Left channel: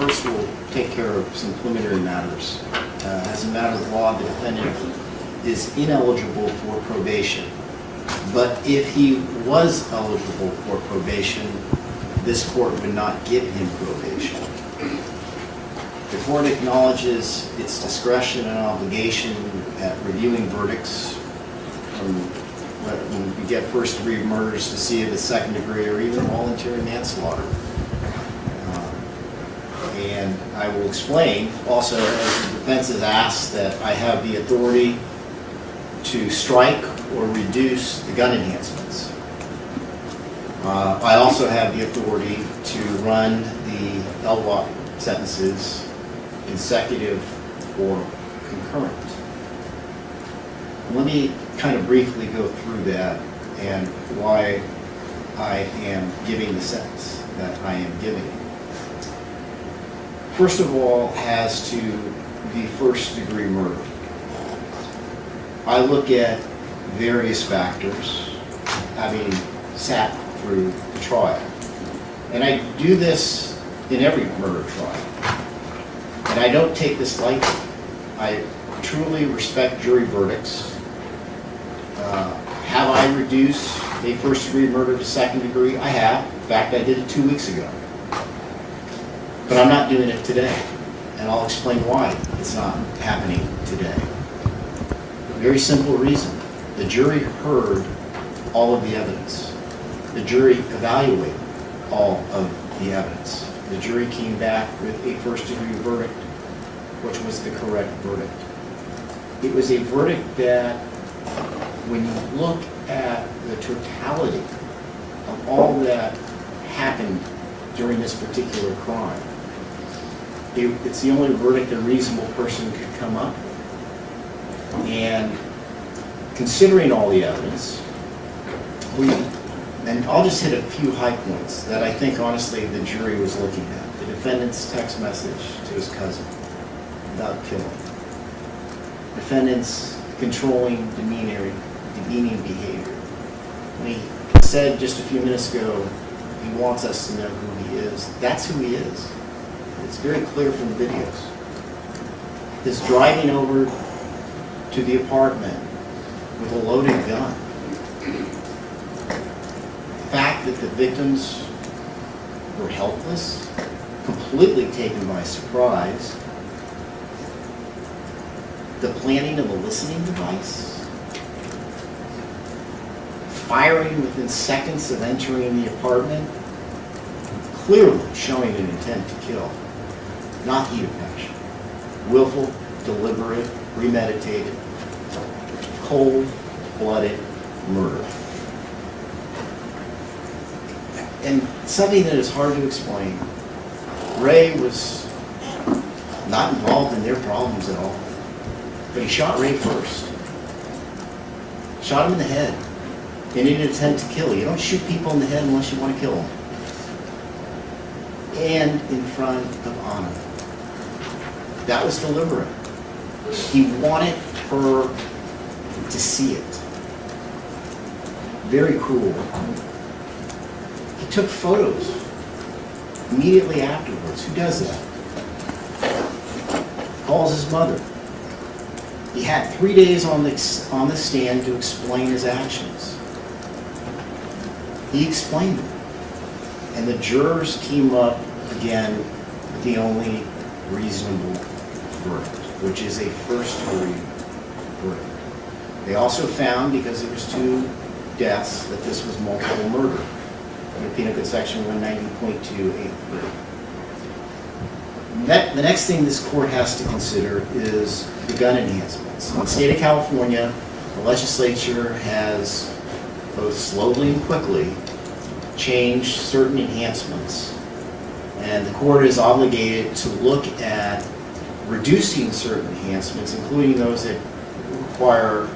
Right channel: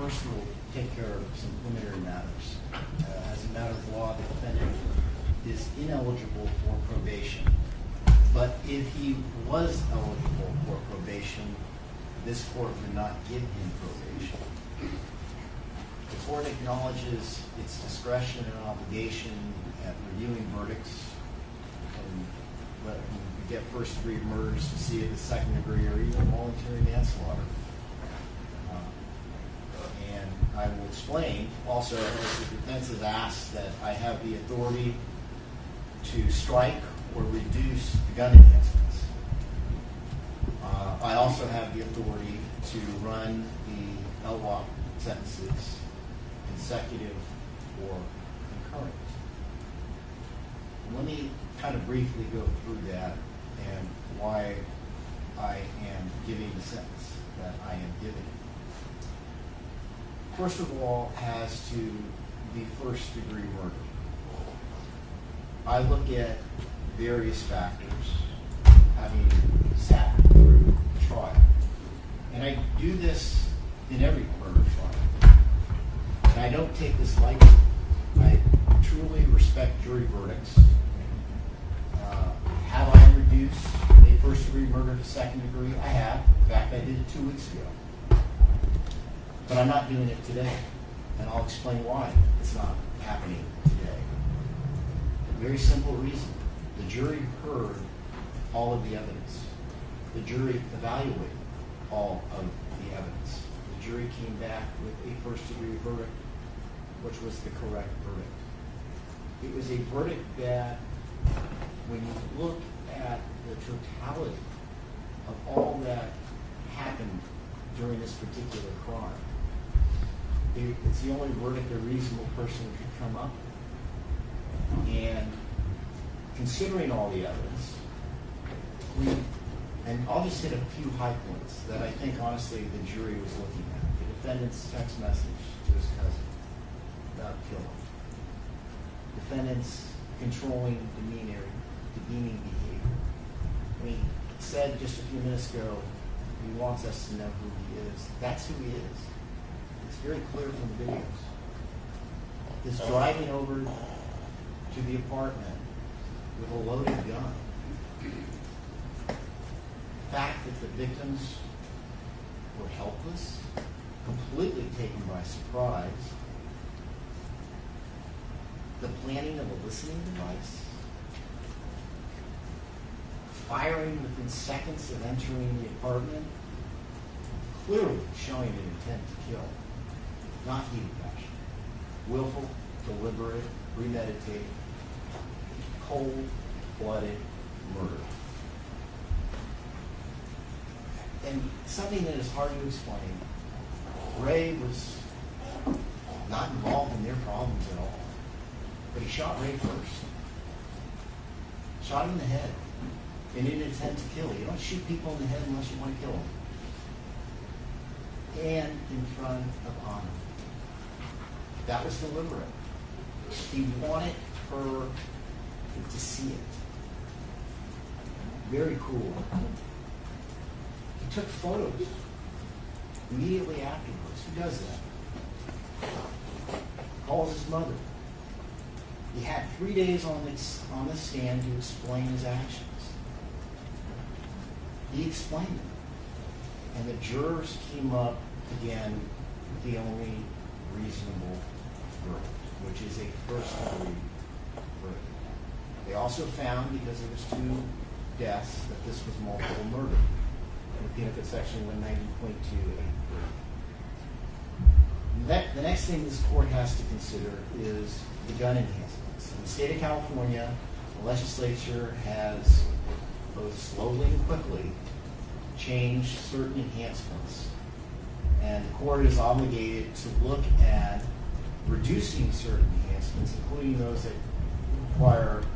First, we'll take care of some preliminary matters. As a matter of law, the defendant is ineligible for probation. But if he was eligible for probation, this court would not give him probation. The court acknowledges its discretion and obligation at reviewing verdicts from when you get first-degree murders to see if it's second degree or even voluntary manslaughter. And I will explain also, as the defense has asked, that I have the authority to strike or reduce the gun enhancements. I also have the authority to run the LWOP sentences consecutive or concurrent. Let me kind of briefly go through that and why I am giving the sentence that I am giving. First of all, as to the first-degree murder, I look at various factors, having sat through the trial. And I do this in every murder trial. And I don't take this lightly. I truly respect jury verdicts. Have I reduced a first-degree murder to second degree? I have. In fact, I did it 2 weeks ago. But I'm not doing it today. And I'll explain why it's not happening today. Very simple reason. The jury heard all of the evidence. The jury evaluated all of the evidence. The jury came back with a first-degree verdict, which was the correct verdict. It was a verdict that, when you look at the totality of all that happened during this particular crime, it's the only verdict a reasonable person could come up with. And considering all the evidence, and I'll just hit a few high points that I think, honestly, the jury was looking at. The defendant's text message to his cousin about killing. Defendant's controlling, demeaning behavior. When he said just a few minutes ago, he wants us to know who he is. That's who he is. It's very clear from the videos. His driving over to the apartment with a loaded gun. The fact that the victims were helpless, completely taken by surprise. The planning of a listening device. Firing within seconds of entering the apartment. Clearly showing an intent to kill. Not heat of passion. Willful, deliberate, premeditated, cold-blooded murder. And something that is hard to explain. Ray was not involved in their problems at all. But he shot Ray first. Shot him in the head in an attempt to kill. You don't shoot people in the head unless you want to kill them. And in front of Anna. That was deliberate. He wanted her to see it. Very cruel. He took photos immediately afterwards. Who does that? Calls his mother. He had 3 days on the stand to explain his actions. He explained them. And the jurors came up again with the only reasonable verdict, which is a first-degree verdict. They also found, because there was 2 deaths, that this was multiple murder. Under Penal Code Section 190.283. The next thing this court has to consider is the gun enhancements. In the state of California, the legislature has, both slowly and quickly, changed certain enhancements. And the court is obligated to look at reducing certain enhancements, including those that require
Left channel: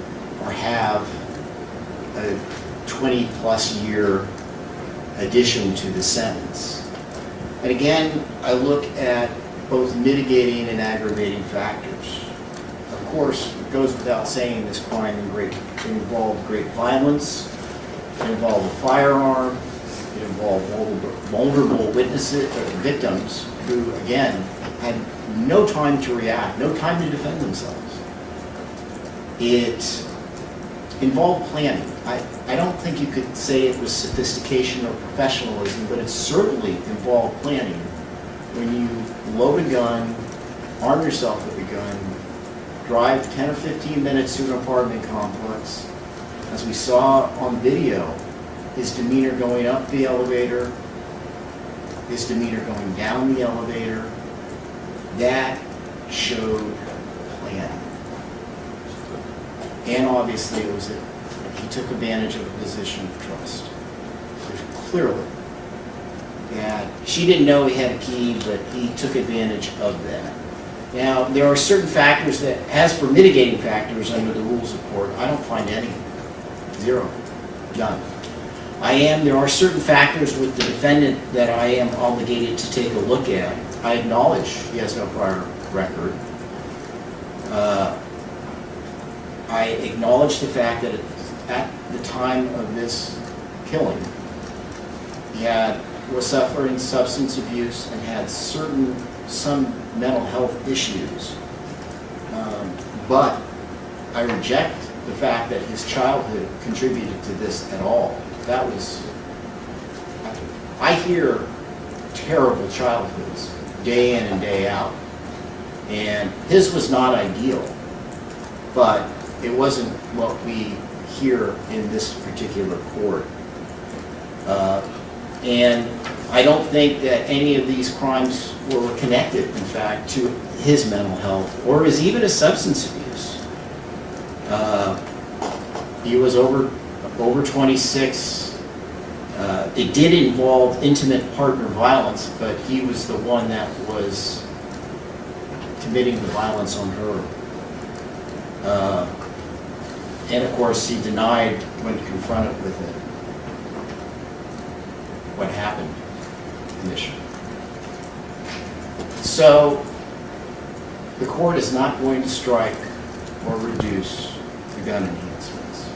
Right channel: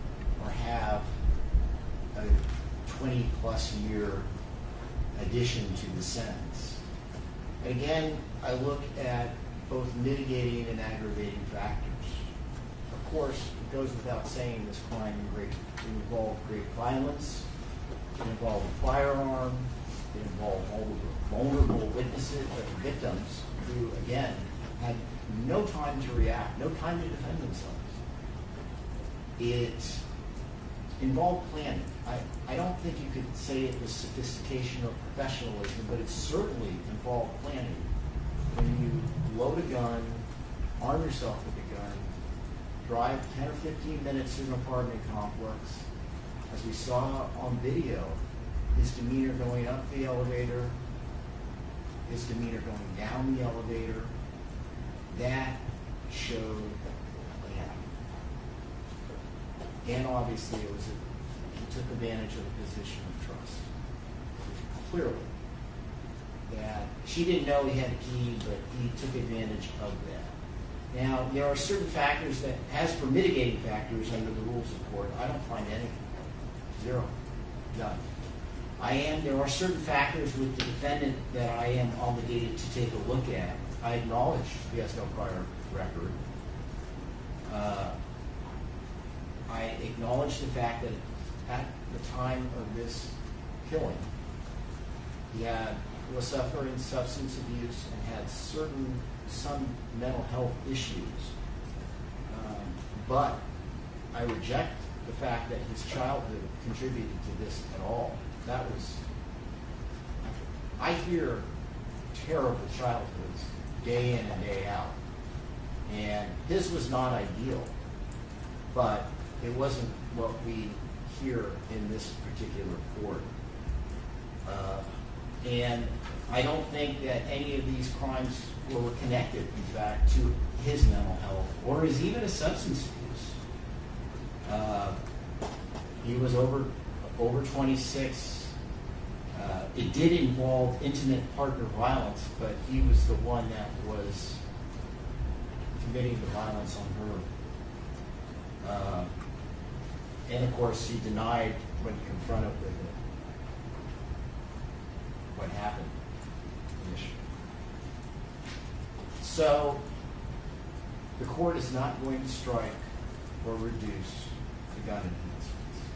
or have a 20-plus year addition to the sentence. And again, I look at both mitigating and aggravating factors. Of course, it goes without saying this crime involved great violence, it involved a firearm, it involve vulnerable witnesses, victims who, again, had no time to react, no time to defend themselves. It involved planning. I don't think you could say it was sophistication or professionalism, but it certainly involved planning. When you load a gun, arm yourself with a gun, drive 10 or 15 minutes to an apartment complex. As we saw on video, his demeanor going up the elevator, his demeanor going down the elevator, that showed planning. And obviously it was he took advantage of a position of trust. Clearly. That she didn't know he had a key, but he took advantage of that. Now, there are certain factors that, as for mitigating factors under the rules of court, I don't find any. Zero. None. There are certain factors with the defendant that I am obligated to take a look at. I acknowledge he has no prior record. I acknowledge the fact that at the time of this killing, he was suffering substance abuse and had some mental health issues. But I reject the fact that his childhood contributed to this at all. I hear terrible childhoods day in and day out. And his was not ideal, but it wasn't what we hear in this particular court. And I don't think that any of these crimes were connected, in fact, to his mental health or even his substance abuse. He was over 26. It did involve intimate partner violence, but he was the one that was committing the violence on her. And of course, he denied when confronted with it what happened initially. So the court is not going to strike or reduce the gun enhancements.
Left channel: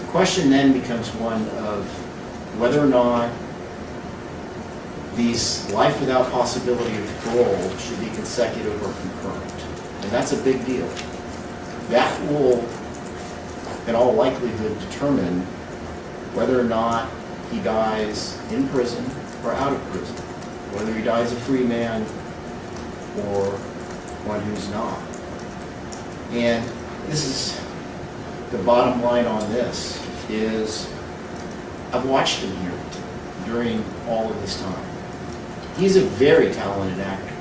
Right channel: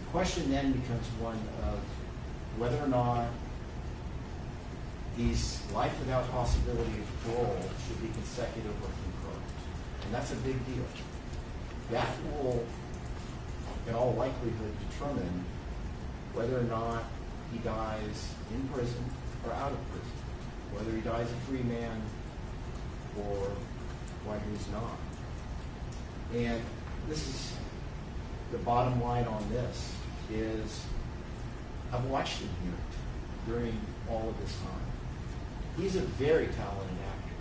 The question then becomes one of whether or not these life without possibility of parole should be consecutive or concurrent. And that's a big deal. That will, in all likelihood, determine whether or not he dies in prison or out of prison, whether he dies a free man or one who's not. And this is the bottom line on this, is I've watched him here during all of this time. He's a very talented actor.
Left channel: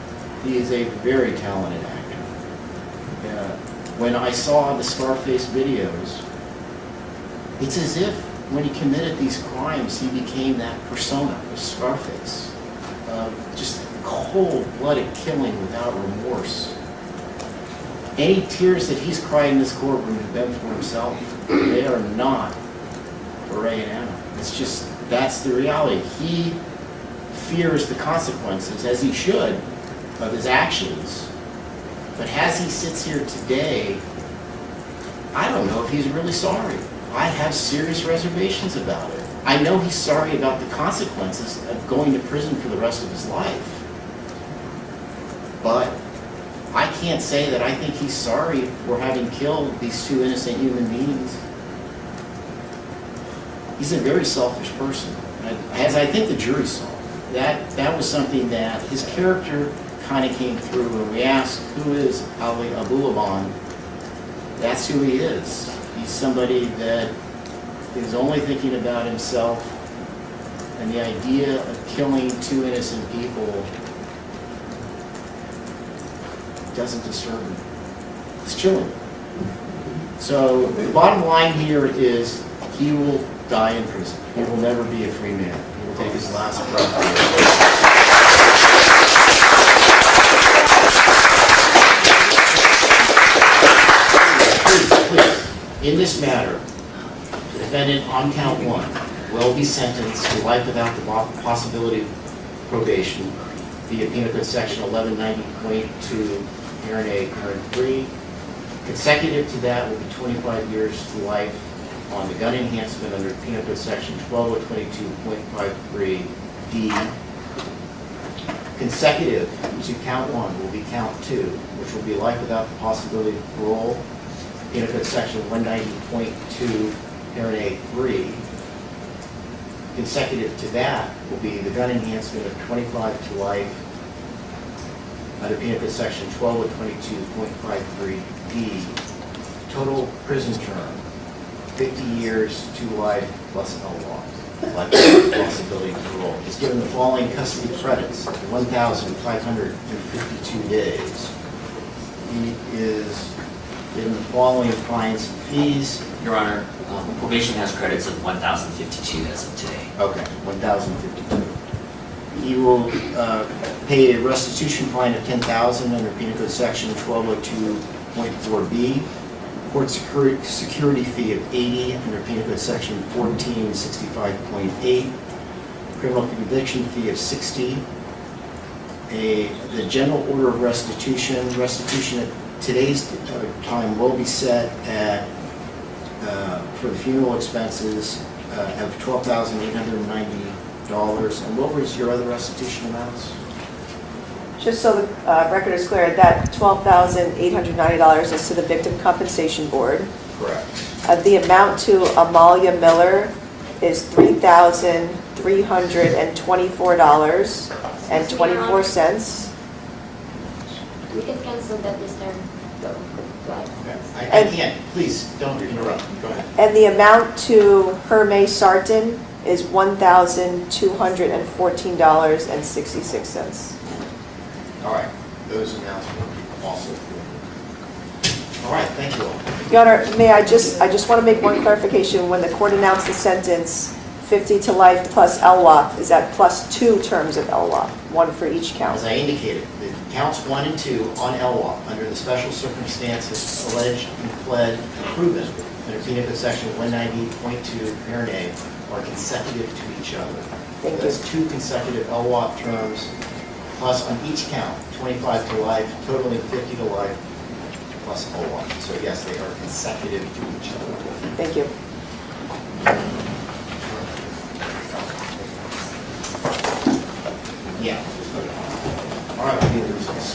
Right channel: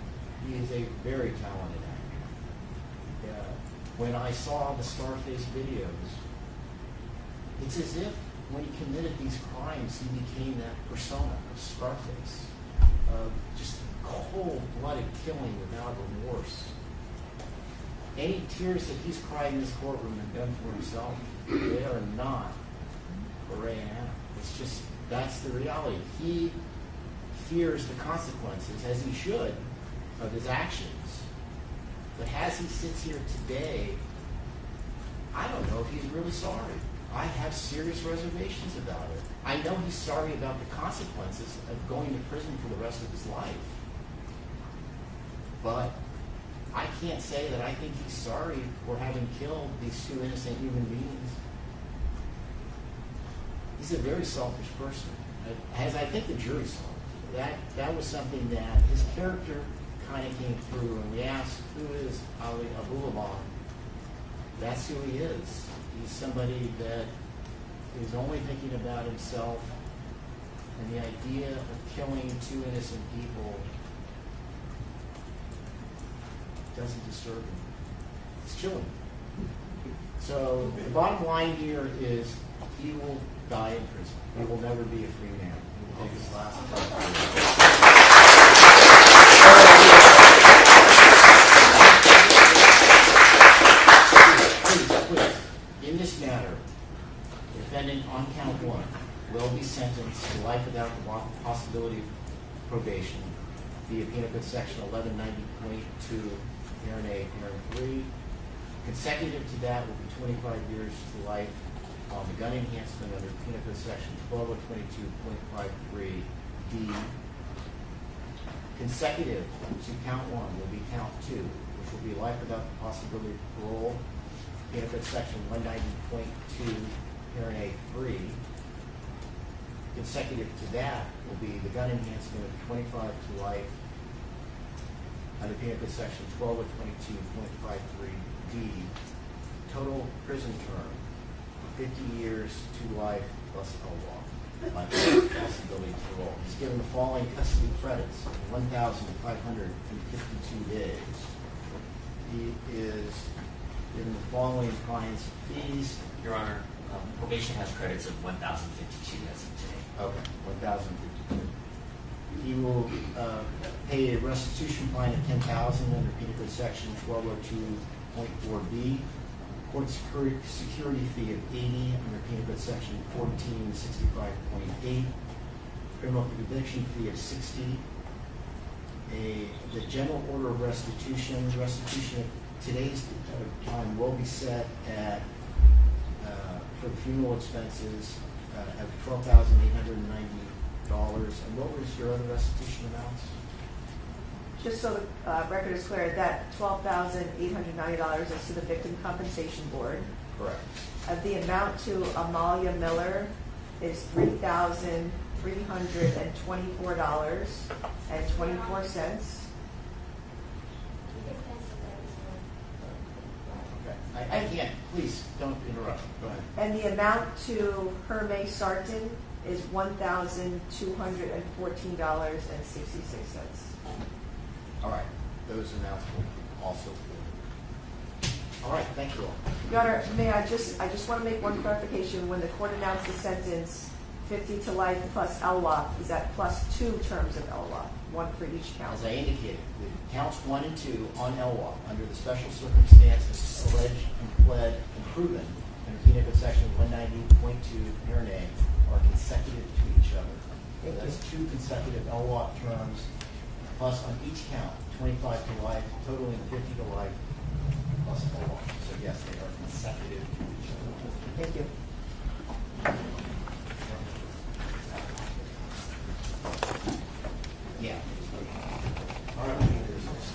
He is a very talented actor. When I saw the Scarface videos, it's as if when he committed these crimes, he became that persona of Scarface. Just cold-blooded killing without remorse. Any tears that he's cried in this courtroom have been for himself. They are not for Ray and Anna. It's just, that's the reality. He fears the consequences, as he should, of his actions. But as he sits here today, I don't know if he's really sorry. I have serious reservations about it. I know he's sorry about the consequences of going to prison for the rest of his life. But I can't say that I think he's sorry for having killed these two innocent human beings. He's a very selfish person, as I think the jury saw. That was something that his character kind of came through when we asked, who is Ali Abulaban? That's who he is. He's somebody that is only thinking about himself, and the idea of killing two innocent people doesn't disturb him. It's chilling. So the bottom line here is he will die in prison. He will never be a free man. He will take his last breath. In this matter, the defendant on count 1 will be sentenced to life without the possibility of probation via Penal Code Section 1190.2, Parent A, Parent 3. Consecutive to that will be 25 years to life on the gun enhancement under Penal Code Section 12022.53D. Consecutive to count one will be count two, which will be life without the possibility of parole. Penal Code Section 190.2, parent A3. Consecutive to that will be the gun enhancement of 25 to life under Penal Code Section 1222.53D. Total prison term, 50 years to life plus LWOP. Life without possibility of parole. Is given the following custody credits, 1,552 days. He is given the following fines and fees. Your Honor, probation has credits of 1,052 as of today. Okay, 1,052. He will pay a restitution fine of $10,000 under Penal Code Section 1202.4B. Court security fee of $80 under Penal Code Section 1465.8. Criminal conviction fee of $60. The general order of restitution at today's time will be set at for the funeral expenses of $12,890. And what was your other restitution amounts? Just so the record is clear, that $12,890 is to the Victim Compensation Board. Correct. The amount to Amalia Miller is $3,324.24. We can cancel that, Mr. I can't. Please, don't interrupt. Go ahead. And the amount to Hermé Sarton is $1,214.66. All right. Those amounts will also. All right. Thank you all. Your Honor, may I just want to make one clarification. When the court announced the sentence, 50 to life plus LWOP, is that plus 2 terms of LWOP, one for each count? As I indicated, the counts 1 and 2 on LWOP under the special circumstances alleged and pled and proven under Penal Code Section 190.2, parent A, are consecutive to each other. Thank you. That's 2 consecutive LWOP terms, plus on each count, 25 to life, totaling 50 to life, plus LWOP. So yes, they are consecutive to each other. Thank you. Yeah. All right. We need to discuss.